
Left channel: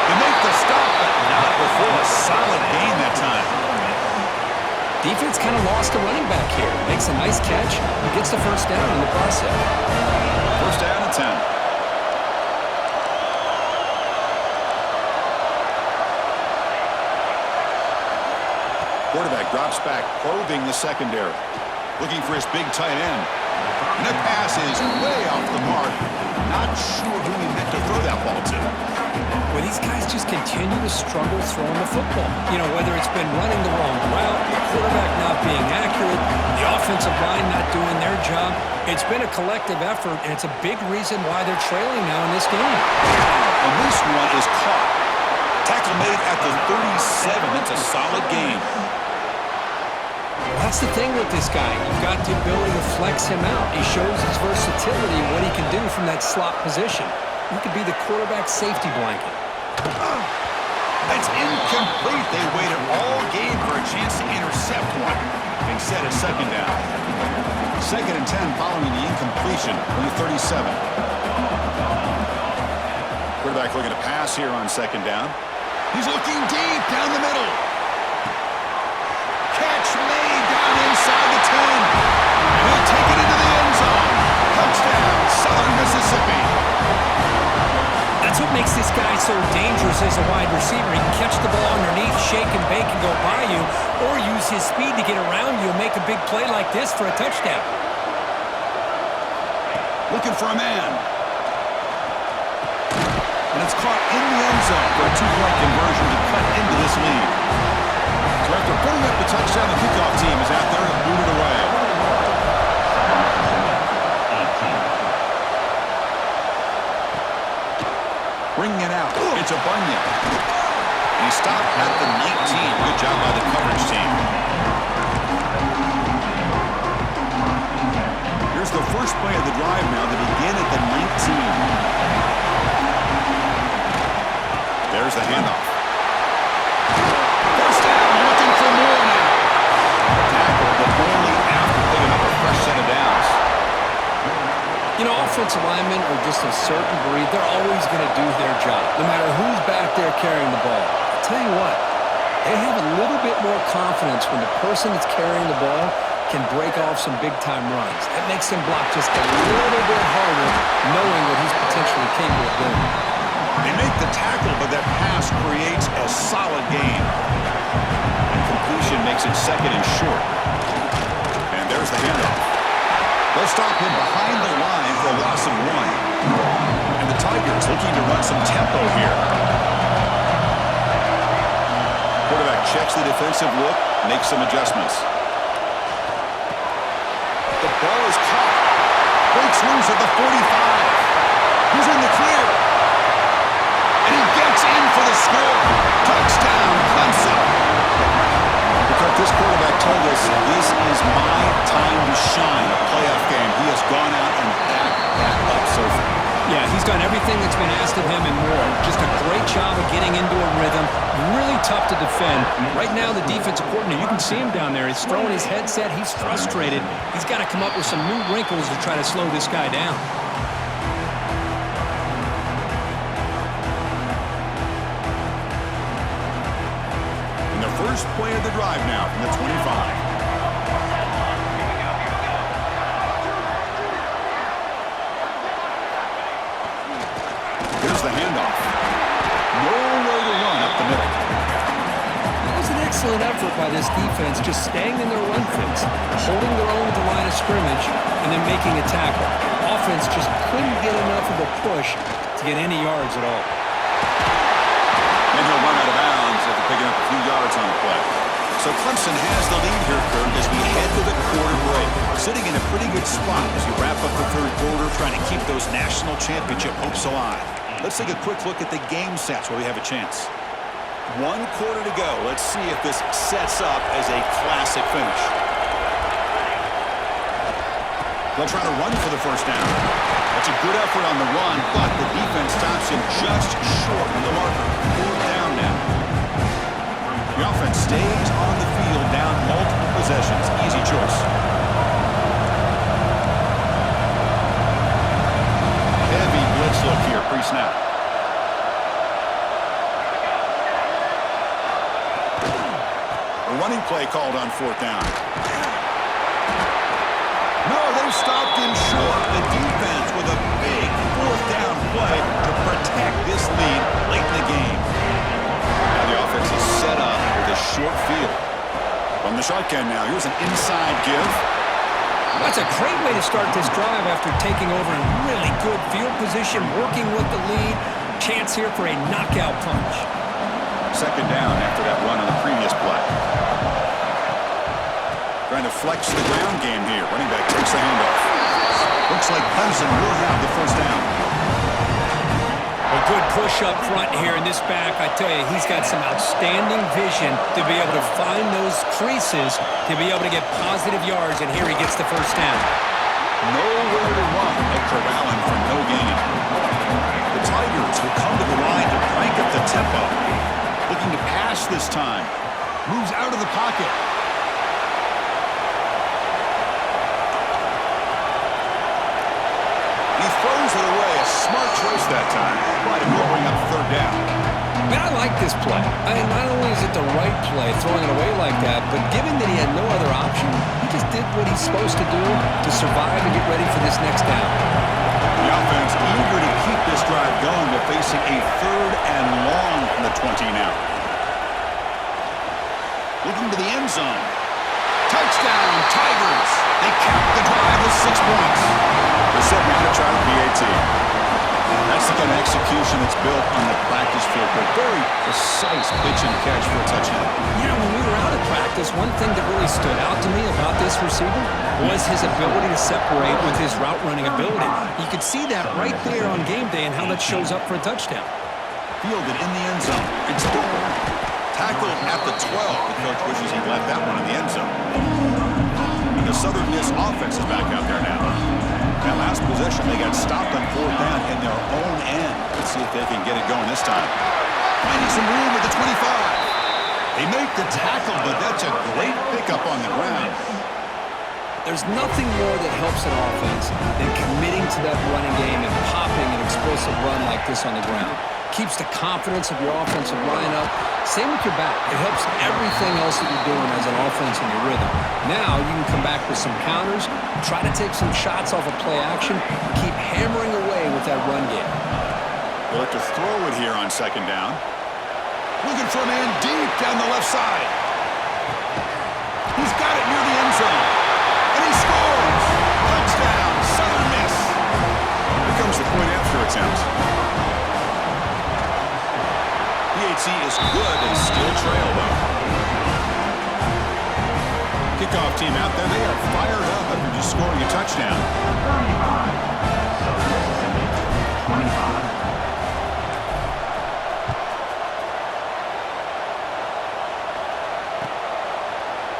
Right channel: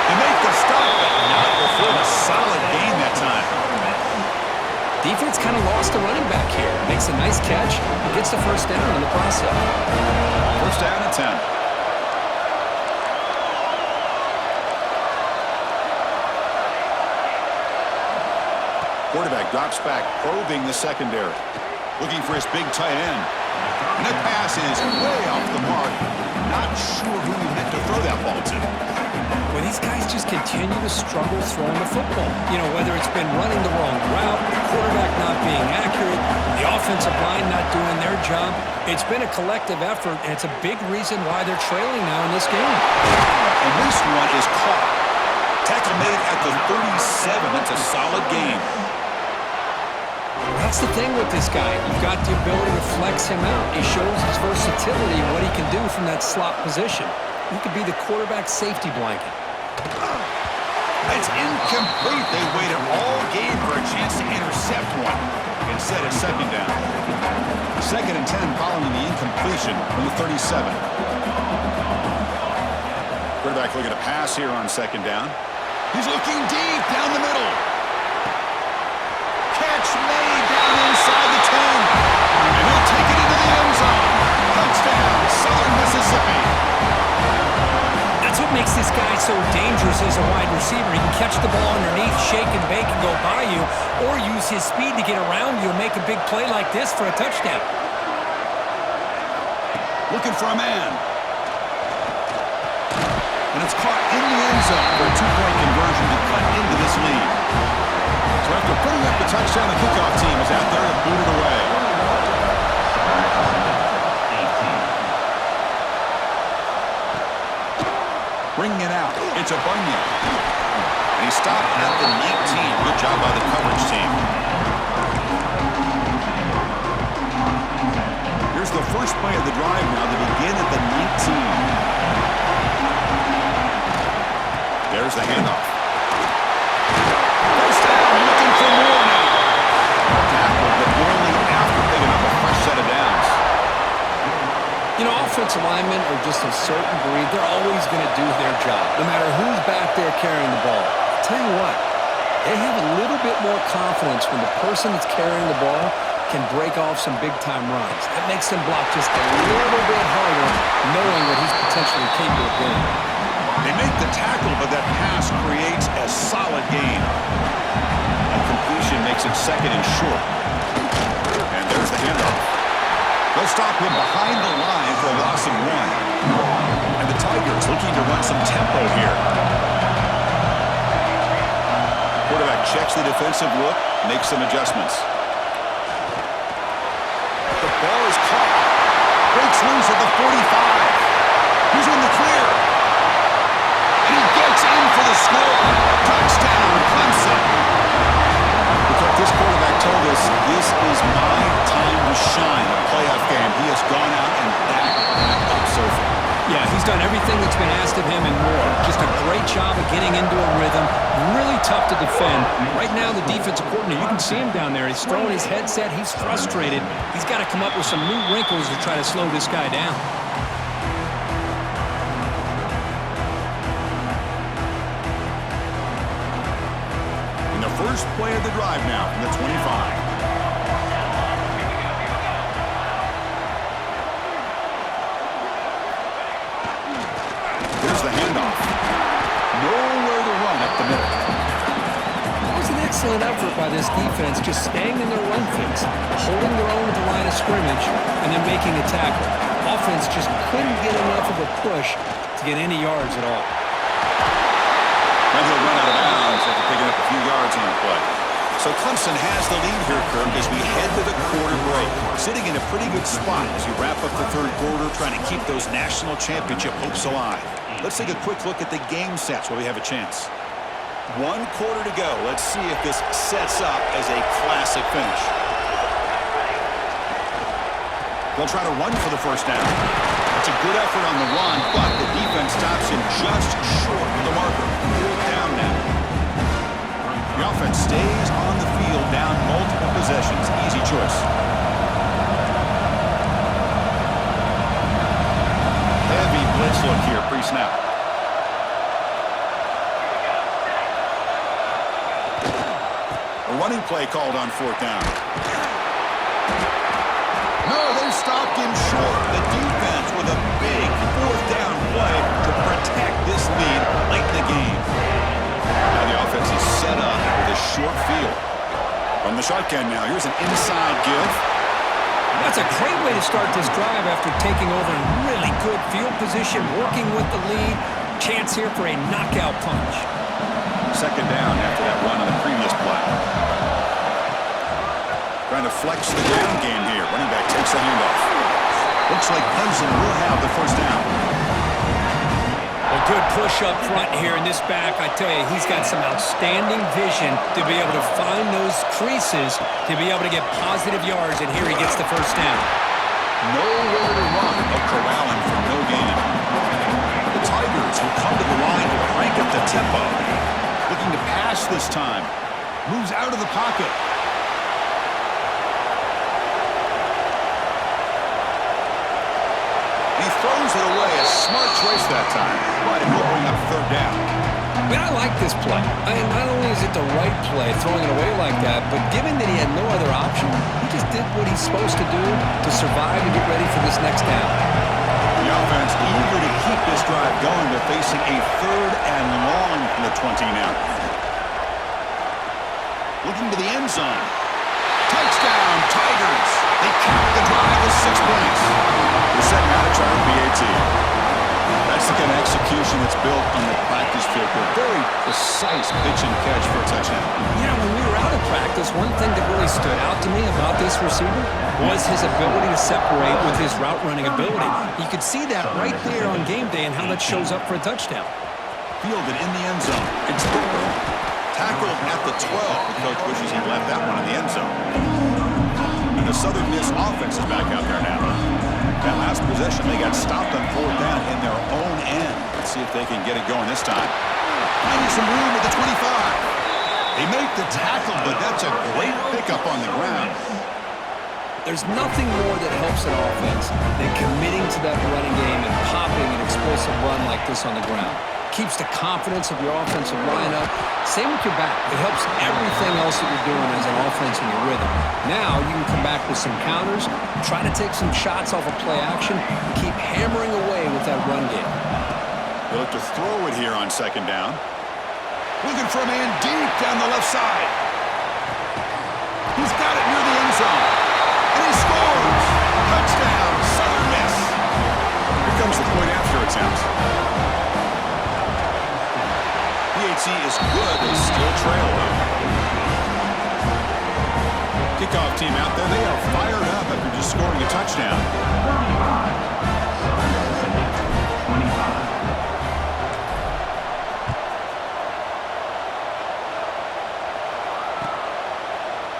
They make the stop, but not before a solid gain that time. Defense kind of lost a running back here. Makes a nice catch and gets the 1st down in the process. 1st down and 10. Quarterback drops back, probing the secondary. Looking for his big tight end. And that pass is way off the mark. Not sure who he meant to throw that ball to. Well, these guys just continue to struggle throwing the football. You know, whether it's been running the wrong route, the quarterback not being accurate, the offensive line not doing their job. It's been a collective effort, and it's a big reason why they're trailing now in this game. And this one is caught. Tackle made at the 37. That's a solid gain. That's the thing with this guy. You've got the ability to flex him out. He shows his versatility and what he can do from that slot position. He could be the quarterback safety blanket. It's incomplete. They waited all game for a chance to intercept one. Instead, it's 2nd down. 2nd and 10 following the incompletion from the 37. Quarterback looking to pass here on 2nd down. He's looking deep down the middle. Catch made down inside the 10. And he'll take it into the end zone. Touchdown, Southern Mississippi. That's what makes this guy so dangerous as a wide receiver. He can catch the ball underneath, shake and bake and go by you, or use his speed to get around you and make a big play like this for a touchdown. Looking for a man. And it's caught in the end zone for a 2-point conversion to cut into this lead. So after putting up the touchdown, the kickoff team is out there to boot it away. Bringing it out. It's a Bunyan. And he stopped at the 19. Good job by the coverage team. Here's the first play of the drive now. They begin at the 19. There's the handoff. First down, looking for more now. Tackle, but only after picking up a fresh set of downs. You know, offensive linemen are just a certain breed. They're always going to do their job, no matter who's back there carrying the ball. I'll tell you what, they have a little bit more confidence when the person that's carrying the ball can break off some big-time runs. That makes them block just a little bit harder, knowing what he's potentially capable of doing. They make the tackle, but that pass creates a solid gain. And completion makes it 2nd and short. And there's the handoff. They'll stop him behind the line for a loss of 1. And the Tigers looking to run some tempo here. Quarterback checks the defensive look, makes some adjustments. The Ball is caught. Breaks loose at the 45. He's in the clear. And he gets in for the score. Touchdown, Clemson. Because this quarterback told us, this is my time to shine, a playoff game. He has gone out and backed that up so far. Yeah, he's done everything that's been asked of him and more. Just a great job of getting into a rhythm. Really tough to defend. Right now, the defensive coordinator, you can see him down there. He's throwing his headset. He's frustrated. He's got to come up with some new wrinkles to try to slow this guy down. In the first play of the drive now from the 25. Here's the handoff. Nowhere to run up the middle. That was an excellent effort by this defense, just staying in their run fix, holding their own at the line of scrimmage, and then making a tackle. Offense just couldn't get enough of a push to get any yards at all. And he'll run out of bounds after picking up a few yards on the play. So Clemson has the lead here, Kirk, as we head to the quarter break. Sitting in a pretty good spot as we wrap up the third quarter, trying to keep those national championship hopes alive. Let's take a quick look at the game sets while we have a chance. 1 quarter to go. Let's see if this sets up as a classic finish. They'll try to run for the first down. That's a good effort on the run, but the defense stops him just short of the marker. 4th down now. The offense stays on the field down multiple possessions. Easy choice. Heavy blitz look here, pre-snap. A running play called on 4th down. No, they stopped him short. The defense with a big 4th down play to protect this lead late in the game. Now the offense is set up with a short field. From the shotgun now, here's an inside give. That's a great way to start this drive after taking over in really good field position, working with the lead. Chance here for a knockout punch. 2nd down after that run on the previous play. Trying to flex the ground game here. Running back takes the handoff. Looks like Clemson will have the 1st down. Well, good push up front here in this back. I tell you, he's got some outstanding vision to be able to find those creases, to be able to get positive yards, and here he gets the 1st down. Nowhere to run. They'll corral him for no gain. The Tigers will come to the line to crank up the tempo. Looking to pass this time. Moves out of the pocket. He throws it away. A smart choice that time. But it will bring up 3rd down. Man, I like this play. Not only is it the right play, throwing it away like that, but given that he had no other option, he just did what he's supposed to do to survive and get ready for this next down. The offense eager to keep this drive going, but facing a 3rd and long from the 20 now. Looking to the end zone. Touchdown, Tigers. They cap the drive with 6 points. They're set now to try the PAT. That's the kind of execution that's built on the practice field. A very precise pitch and catch for a touchdown. Yeah, when we were out at practice, one thing that really stood out to me about this receiver was his ability to separate with his route running ability. You could see that right there on game day and how that shows up for a touchdown. Fielded in the end zone. It's tackled at the 12. The coach wishes he left that one in the end zone. And the Southern Miss offense is back out there now. That last possession, they got stopped on 4th down in their own end. Let's see if they can get it going this time. Finding some room at the 25. They make the tackle, but that's a great pickup on the ground. There's nothing more that helps an offense than committing to that running game and popping an explosive run like this on the ground. Keeps the confidence of your offensive lineup. Same with your back. It helps everything else that you're doing as an offense in your rhythm. Now you can come back with some counters, try to take some shots off of play action, and keep hammering away with that run game. They look to throw it here on 2nd down. Looking for a man deep down the left side. He's got it near the end zone. And he scores! Touchdown, Southern Miss. Here comes the point after attempt. PAT is good. They still trail, though. Kickoff team out there, they are fired up after just scoring a touchdown. 35. Southern Mississippi, 25.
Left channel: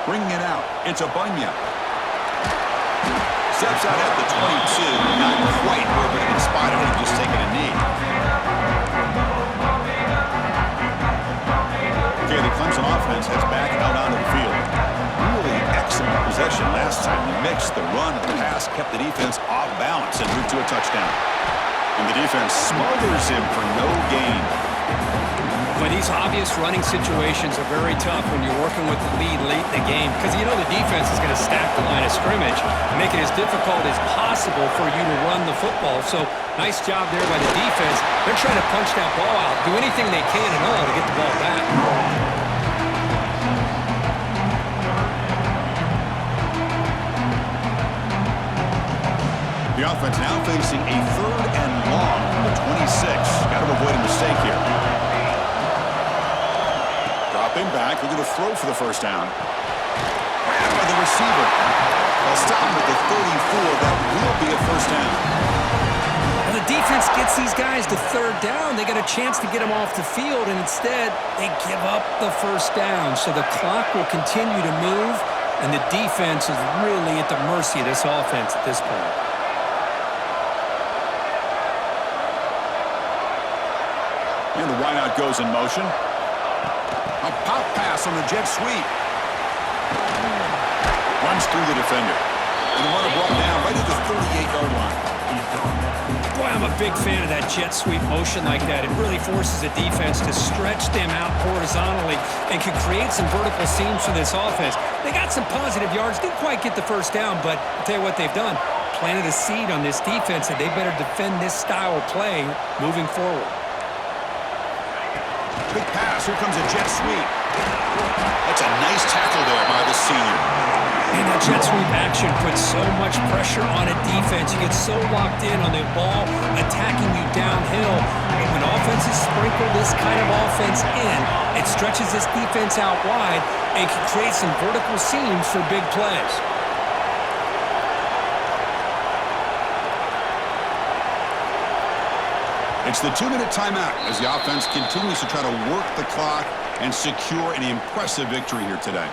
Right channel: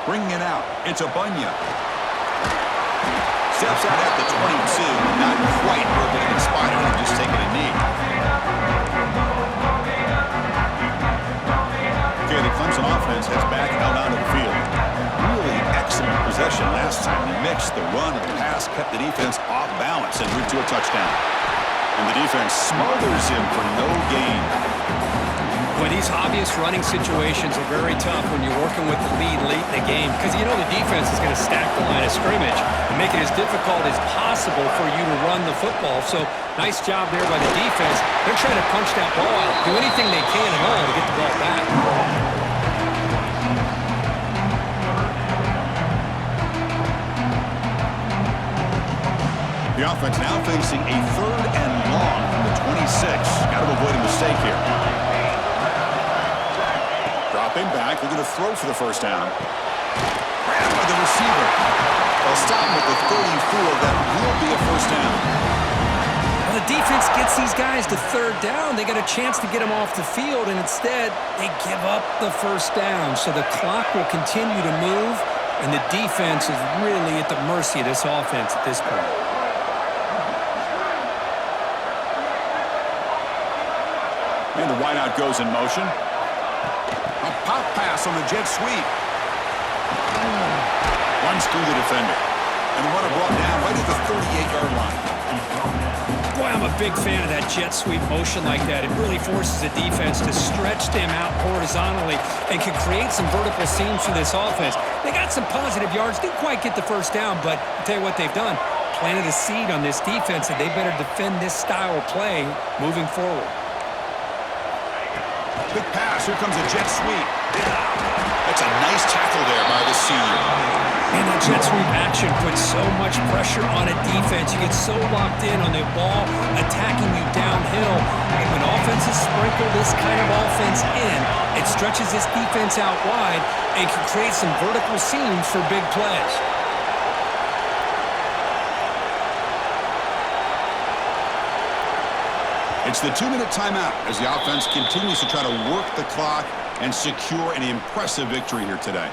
Bringing it out, it's a Bunya. Steps out at the 22, not quite where it would have been spotted and just taking a knee. Okay, the Clemson offense has back out onto the field. Really excellent possession last time. The mix, the run, and the pass kept the defense off balance and route to a touchdown. And the defense smothers him for no gain. But these obvious running situations are very tough when you're working with the lead late in the game because you know the defense is going to stack the line of scrimmage and make it as difficult as possible for you to run the football. So nice job there by the defense. They're trying to punch that ball out, do anything they can and all to get the ball back. The offense now facing a 3rd and long from the 26. Got to avoid a mistake here. Dropping back, looking to throw for the first down. Grabbed by the receiver. They'll stop him at the 34. That will be a first down. Well, the defense gets these guys to 3rd down. They got a chance to get them off the field, and instead they give up the first down. So the clock will continue to move, and the defense is really at the mercy of this offense at this point. And the wideout goes in motion. A pop pass on the jet sweep. Runs through the defender. And the runner brought down right at the 38-yard line. Boy, I'm a big fan of that jet sweep motion like that. It really forces the defense to stretch them out horizontally and can create some vertical seams for this offense. They got some positive yards. Didn't quite get the first down, but I'll tell you what they've done. Planted a seed on this defense that they better defend this style of play moving forward. Big pass. Here comes a jet sweep. That's a nice tackle there by the senior. And that jet sweep action puts so much pressure on a defense. You get so locked in on the ball attacking you downhill. But when offenses sprinkle this kind of offense in, it stretches this defense out wide and can create some vertical seams for big plays. It's the 2-minute timeout as the offense continues to try to work the clock and secure an impressive victory here today.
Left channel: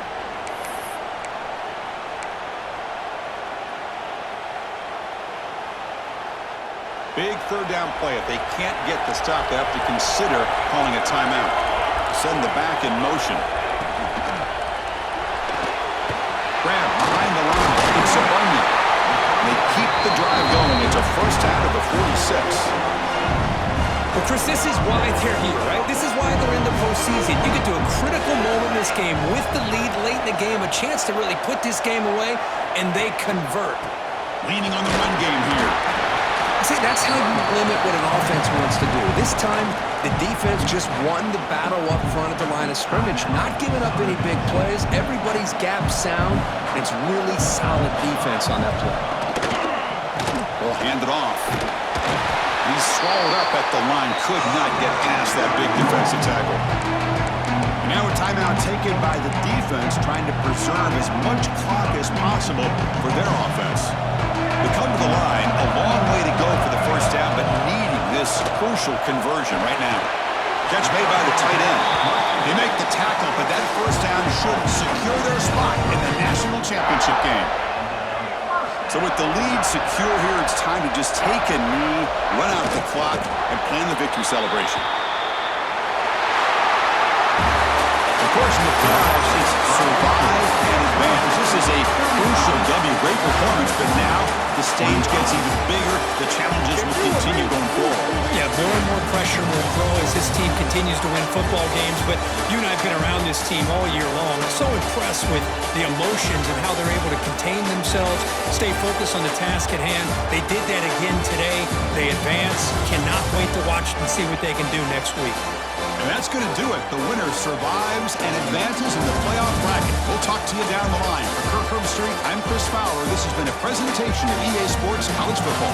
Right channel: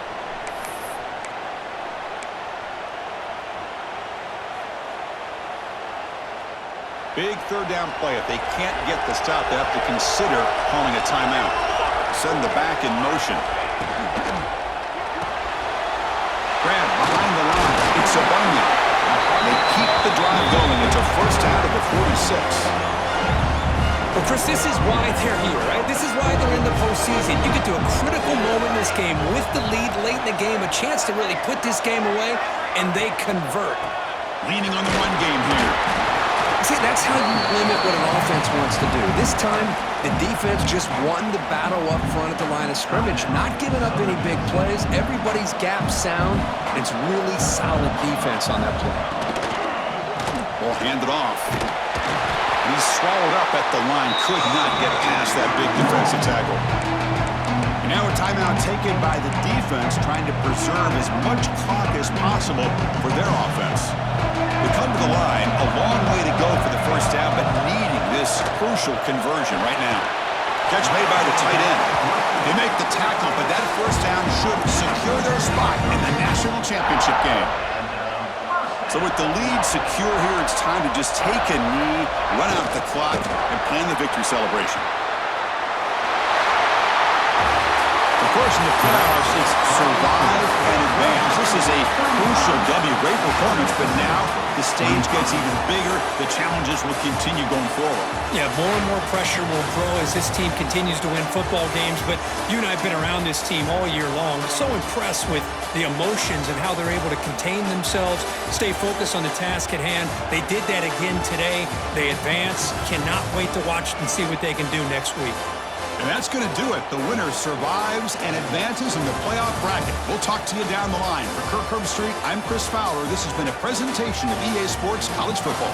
Big 3rd down play. If they can't get the stop, they have to consider calling a timeout. Send the back in motion. Grab behind the line. It's a Bunya. They keep the drive going. It's a first out of the 46. Well, Chris, this is why they're here, right? This is why they're in the postseason. You get to a critical moment in this game with the lead late in the game, a chance to really put this game away, and they convert. Leaning on the run game here. See, that's how you limit what an offense wants to do. This time, the defense just won the battle up front at the line of scrimmage, not giving up any big plays. Everybody's gap sound, and it's really solid defense on that play. Ball handed off. He's swallowed up at the line. Could not get past that big defensive tackle. And now a timeout taken by the defense, trying to preserve as much clock as possible for their offense. They come to the line, a long way to go for the first down, but needing this crucial conversion right now. Catch made by the tight end. They make the tackle, but that first down should secure their spot in the national championship game. So with the lead secure here, it's time to just take a knee, run out the clock, and plan the victory celebration. Of course, in the playoffs, it's survive and advance. This is a crucial W. Great performance, but now the stage gets even bigger. The challenges will continue going forward. Yeah, more and more pressure will grow as this team continues to win football games, but you and I have been around this team all year long. So impressed with the emotions and how they're able to contain themselves, stay focused on the task at hand. They did that again today. They advance. Cannot wait to watch and see what they can do next week. And that's going to do it. The winner survives and advances in the playoff bracket. We'll talk to you down the line. For Kirk Herbstreit, I'm Chris Fowler. This has been a presentation of EA Sports College Football.